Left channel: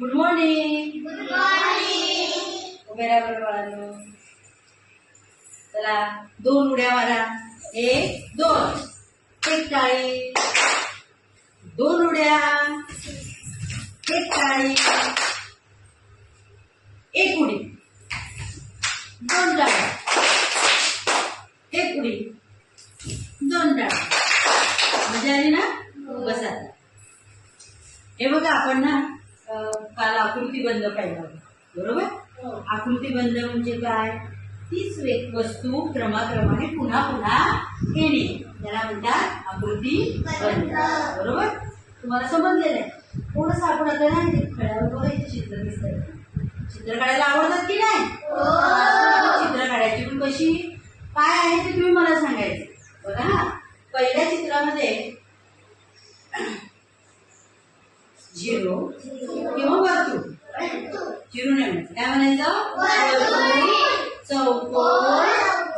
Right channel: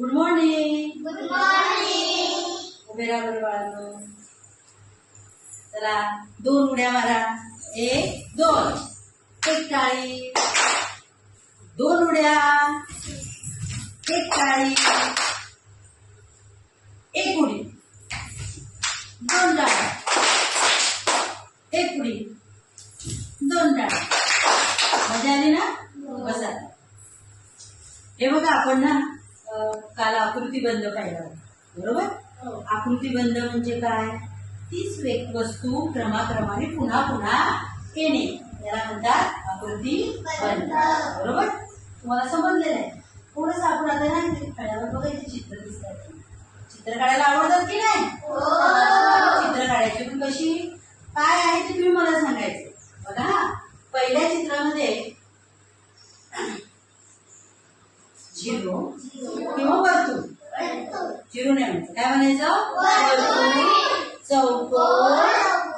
Good morning. Good morning. उभे राहा बरं बाळांनो. चला 2 उड्या मारा. 1 2. एक टाळी. 2 उड्या. एक टाळी. एक उडी. 2 टाळ्या. एक उडी. 2 टाळ्या. मजा आली ना? बसा. हे बघा आपण ना काल आकृतीबंध पाहिला होता, बरोबर? आकृतीबंध म्हणजे काय? तीच वस्तू क्रमाक्रमाने पुन्हा पुन्हा येणे याला म्हणतात आकृतीबंध, बरोबर? तुम्हाला समजलेलं आहे. थोडंसं आपण आता ना फळ्यावर बघा इथे चित्र दिसतात. चित्र काढायला आवडतात की नाही? चित्र काढायची पण कशी काय आहे ते तुम्ही मला सांगायचं. बघा ना, पहिल्या चित्रामध्ये झिरो किंवा वर्तुळ. झिरो नाही म्हणायचं, काय म्हणायचं? वर्तुळ, चौकोन,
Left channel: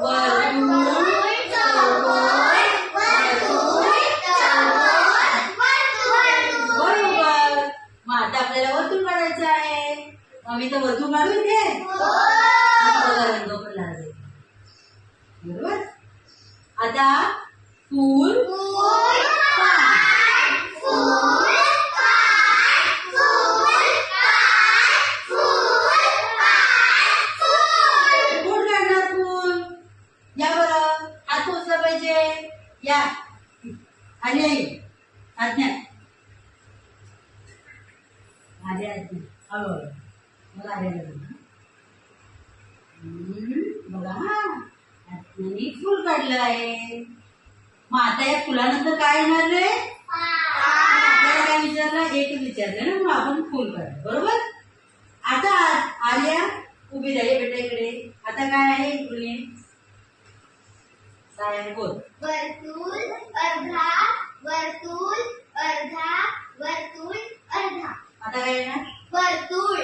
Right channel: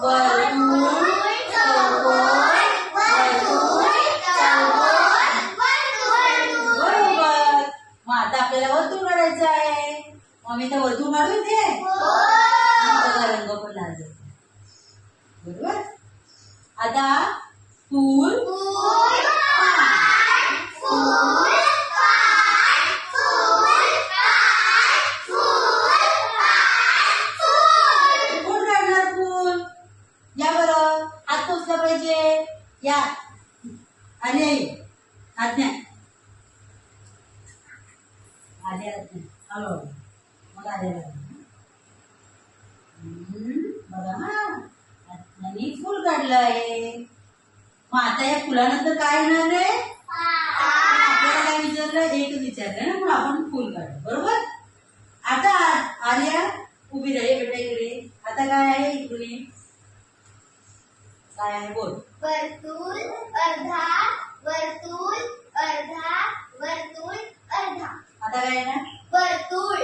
वर्तुळ, चौकोन, बरोबर. मग आता आपल्याला वर्तुळ काढायचं आहे. मग मी तर वर्तुळ काढून दे, रंग पण लागले, बरोबर? आता फूल, या बरं हात पोचला पाहिजे. या आली आई हात नाही आले हळू मग आले बघा. हा हातनी फुल काढलं आहे. मग आता या फुलानंतर काय येणार आहे? आपल्याला काय विचारलं? एकच विचारलं ना, मग आपण फुल काढलं, बरोबर? आता आर्या उभी राही बेटा इकडे. आता काय आहे इकडे? काय आहे बोल? वर्तुळ, अर्धा, वर्तुळ, अर्धा, वर्तुळ, अर्धा. आता काय आहे ना? वर्तुळ.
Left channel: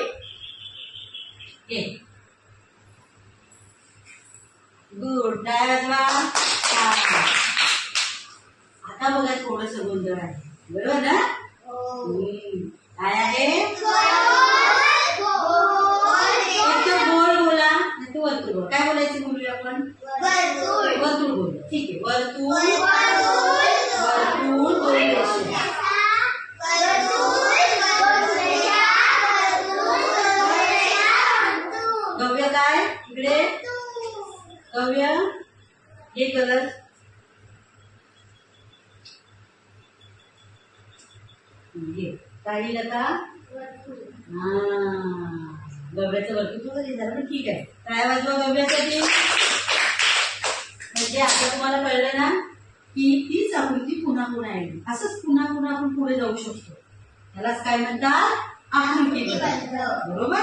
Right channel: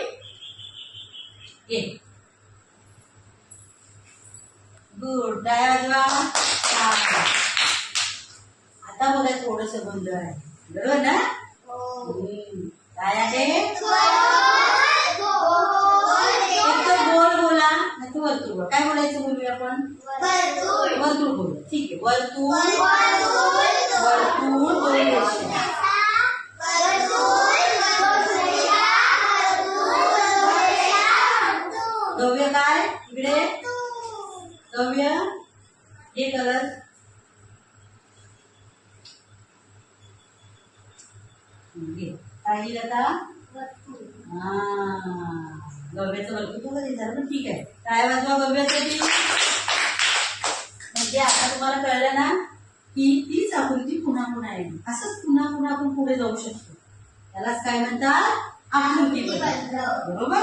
गुड. काय वाजवा? आता बघा थोडस गोंधळ आहे, बरोबर ना? काय आहे? गोल बोला नाही तर वर्तुळ बोला. काय बोलायचं बोलूया आपण? वर्तुळ. वर्तुळ बोलूया. ठीक आहे. वर्तुळ, वर्तुळ बोलूया. गव्य काय इकडे? गव्य हे कलर काय लिहिलं का? गव्याचं वर्तुळ थोडं झालं पण ठीक आहे. काय वाजवा गव्यासाठी? म्हणजे आता तुम्हाला कळलं ना की तीच आकृती पुन्हा पुन्हा येईल. असंच पुन्हा पुन्हा आपण पुढे जाऊ शकतो. त्यालाच काय म्हणतात? आकृतीबंध, बरोबर?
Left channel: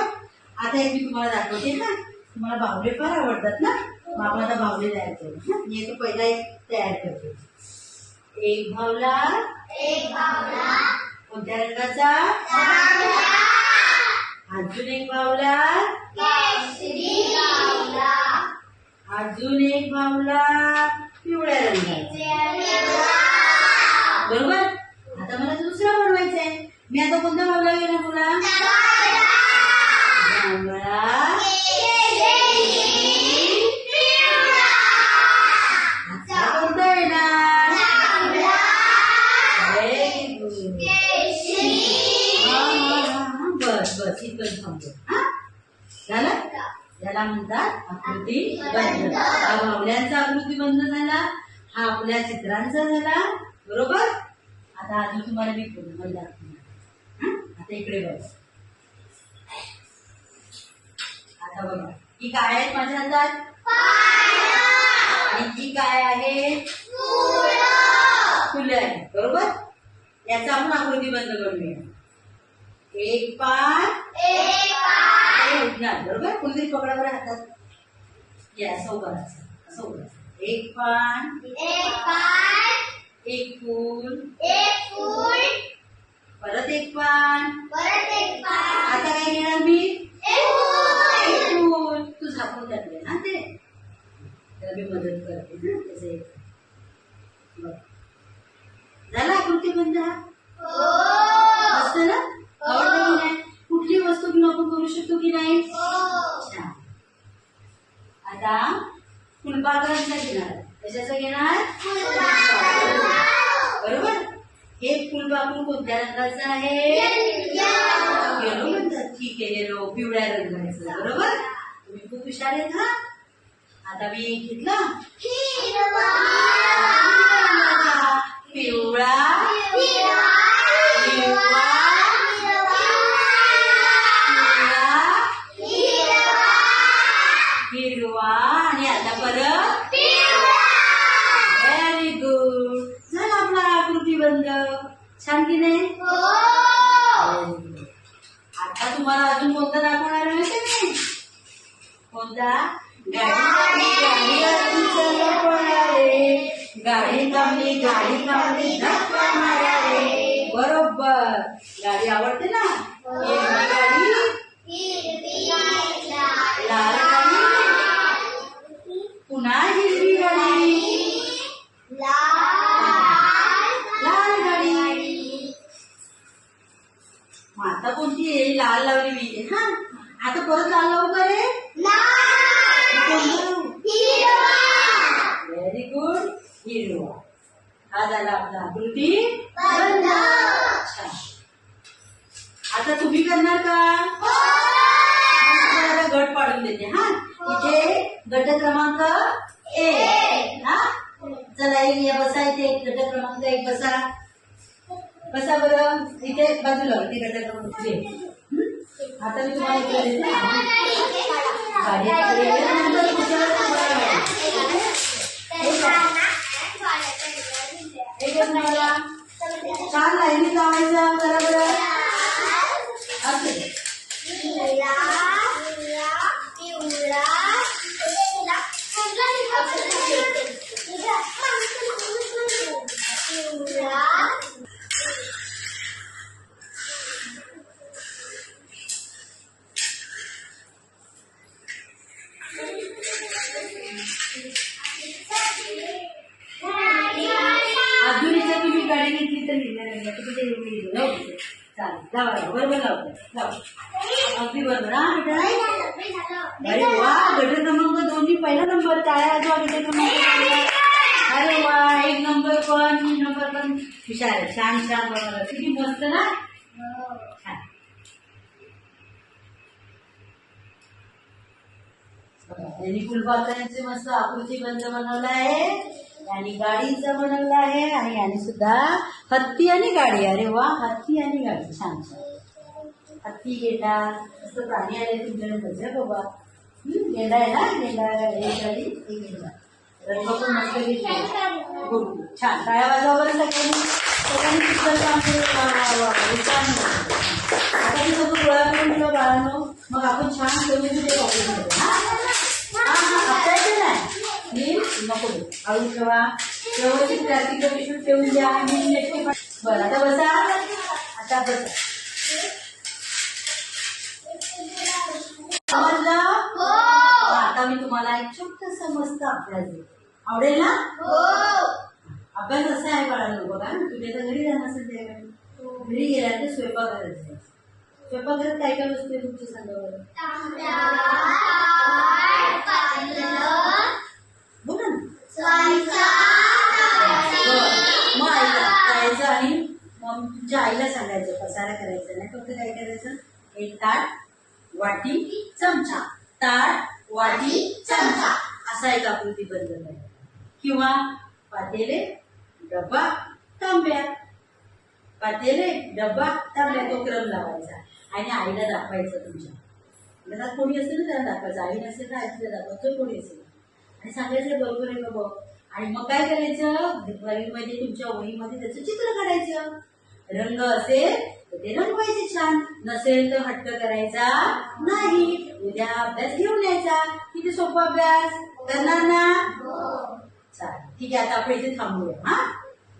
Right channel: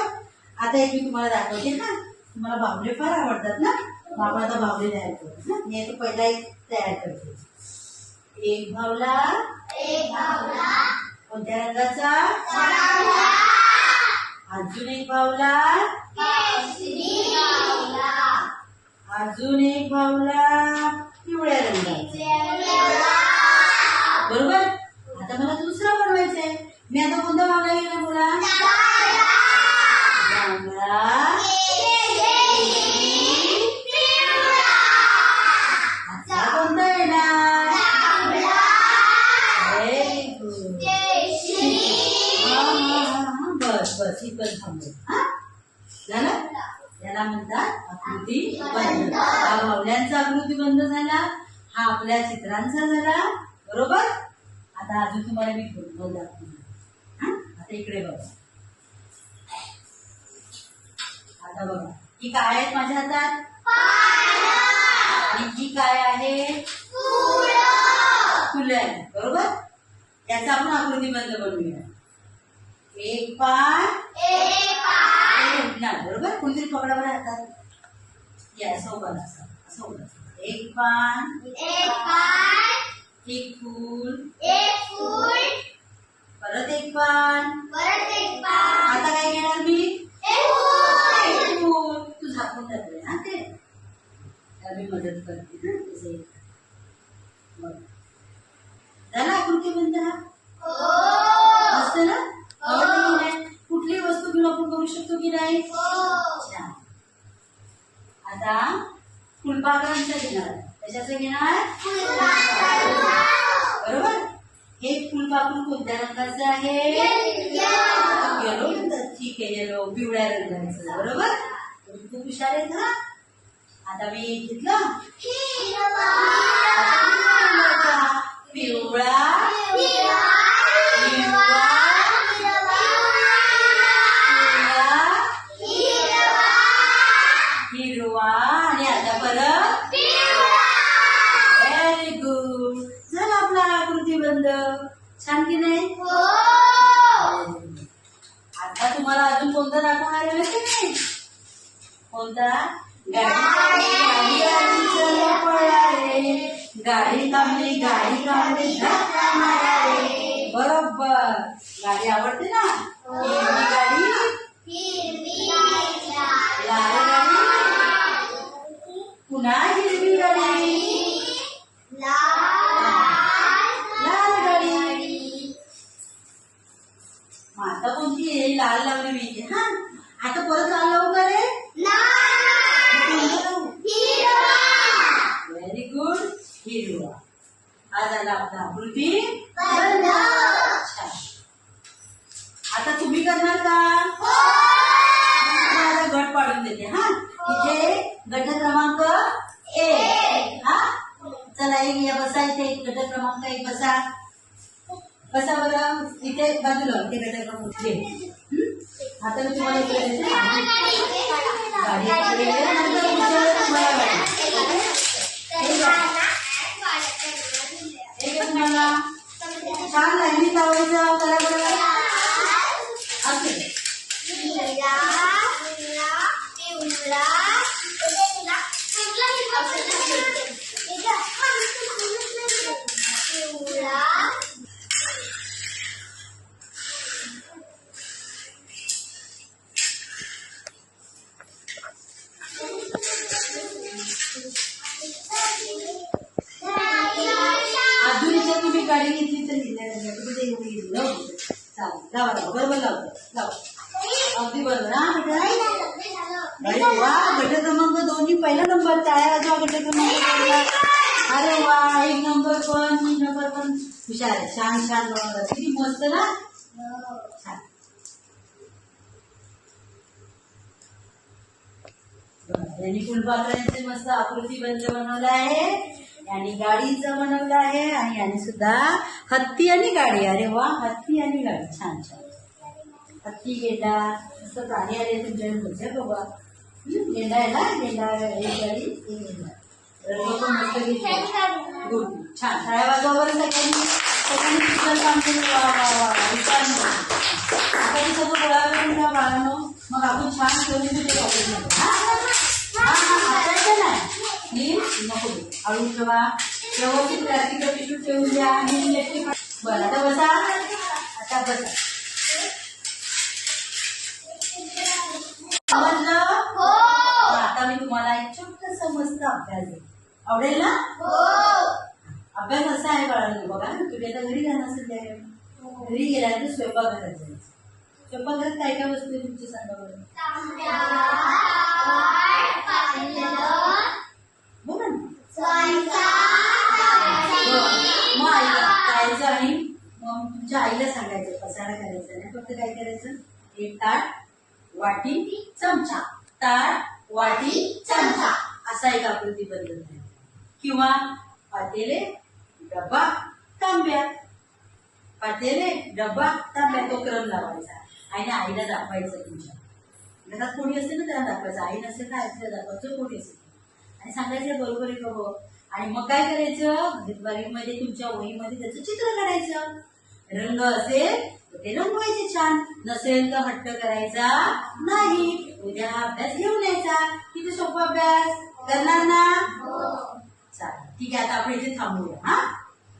आता एक मी तुम्हाला दाखवते ना. तुम्हाला बाहुले फार आवडतात ना. बाबा आता बाहुले तयार करतो. मी आता पहिला एक तयार करतो. एक बाहुला. कोणत्या रंगाचा? अजून एक बाहुला. अजून एक बाहुला पिवळ्या रंगाचा, बरोबर? आता मला दुसरा बनवायचा आहे. मी आता कोणता बाहुला घेणार बोला? जांभळा, आता कोणता येणार? बस बस इकडे थांबतो. झालं? याला म्हणतात आकृतीबंध. हा बाहुल्यांचा आकृतीबंध झाला. हा आपल्या चित्रांचा झाला, बरोबर? आता अजून तुम्हाला मी बंद दाखवणार. आता इकडे बघा. आता बघा ही काय आहेत माझ्या हातात? आणि ही काय आहे? फुलं आहे, बरोबर? याचा आपण आकृतीबंध बनवूया. एक पान उठणार, बरोबर? कोणतरी पकडा बरं हातात. या असं उभा असं उभा. एक पान, एक फूल, परत एक पान. आता काय घेणार मी? एक फूल. तू झाकून टाकले ना ते. त्याला मी मदत करते ना तसे. झाला आकृतीबंध. मस्त ना? आवडतं की नाही? कुठली वापरू शकतो की नाही? छान. आता फुलपाखरांचा घेणार. कशाचं घेणार? बरोबर. हे फुलपाखरू कोणत्या रंगाचं आहे? येलो रंगाचं. ठीक आहे, येलो पिवळ्या रंगाचं. बरोबर. तुम्ही खूप हुशार आहेत हा. आता मी घेतलं पिवळा, हिरवा आणि आता परत व्हेरी गुड. झाला आपला आकृती बंद. छान की नाही? आता तुम्हाला अजून कोणता दाखवणार आहे माहिती नाही? कोणता? गाडी थांबली धक्का माराले. बरोबर. गाडी आवडते ना? गाडी, लाल गाडी, पुन्हा हिरवी गाडी, लाल गाडी. आता कोणती आहे? लाल लावली मी. हा, आता परत लाल लावू का रे? Very good. हिरवा. हा झाला आपला आकृती. आता तुम्ही करणार का? गट पाडून देते. हा, इथे गट क्रमांक 1. हा, चला एक बसा. इथे गट क्रमांक 1 बसा. बसा बरं. इथे बाजूला इथे गट क्रमांक 1. आता मी तुम्हाला छान लाईनी लावायचा. बरोबर. अजून इथे तुम्ही गाडी घेतली तर लिहिणार तुम्ही चालेल. लावा बरोबर लावा. अगदी बरोबर. हा, अरे वा. गट क्रमांक 2 पहिला नंबर. टाळ्या वाजवा गट क्रमांक. अरे वा. 1 नंबर पण 2 नंबर पण हुशार आहे. छान छान बनवलं. किती मस्त ना. छान. यांनी फुलपाखरांचे मस्त आकृती बंद बनवला आहे. यांनी गाडीचं बनवलं आहे आणि यांनी सुद्धा हत्ती आणि गाडी. अरे वा. हत्ती आणि गाडी. छान छान. हत्ती, गेंडा मस्त प्राणी आले तुमच्याकडे. मजा बाबा. गेंडा आहे ना? गेंडा एक गाडी एक गेंडा. रंग पण मस्त घेतले. गुड. छान. टाळ्या वाजवा बरं सगळ्यांनी. आता ते सगळं गोळा करून ठेवा बाळांनो. मग आपण छान ठेवून ते आपल्याचं नाही नको. आवडून ठेवा. व्यवस्थित प्लास्टिक पिशवी ठेवून द्या. बरं आता बसा. आता बसा. समजलं? आता मी तुम्हाला एक छोटासा मस्त अभ्यास देते. आवडेल ना? अभ्यास असा आहे बाळांनो. बघा तुम्ही आता घरी जाणार असेल त्या घरी गेल्यानंतर स्वयंपाक करायचा. स्वयंपाकघरात काय काय वस्तू आहे तुमची सांगा बरं. बोला ना. मग जायचं आणि मग तुमच्या आईला सांगायचं पसारा करायचं नाही. फक्त काय करायचं? एक ताट, वाटी, चमचा. ताट, वाटी, चमचा असा एक आकृती बंद करायचा. किंवा पातेले, डब्बा, तांब्या. पातेले, डब्बा, तांब्या. तो क्रम लावायचा आणि आईला दाखवायचं. तुमच्या घरात कोणी असेल ना त्याला दाखवायचं. आई नसेल ना आईला दाखवायचं. कोणी असेल आणि सांगायचं बरोबर आहे का बघ. आणि मग काय करायचं? वहीमध्ये तुमच्या वहीमध्ये त्याचं चित्र काढायचं. रंग असेल तर ते रंगवायचे छान. नसेल तर हट्ट करायचा नाही. उद्या अभ्यास घेऊन यायचा. किती सोपा अभ्यास. करणार ना? चालेल. ठीक आहे. आता आपण इथे थांबूया. हा,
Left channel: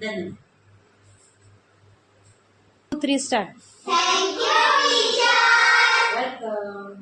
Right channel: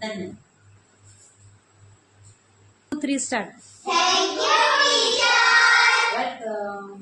धन्यवाद. 2, 3 start. Thank you, teacher. Welcome.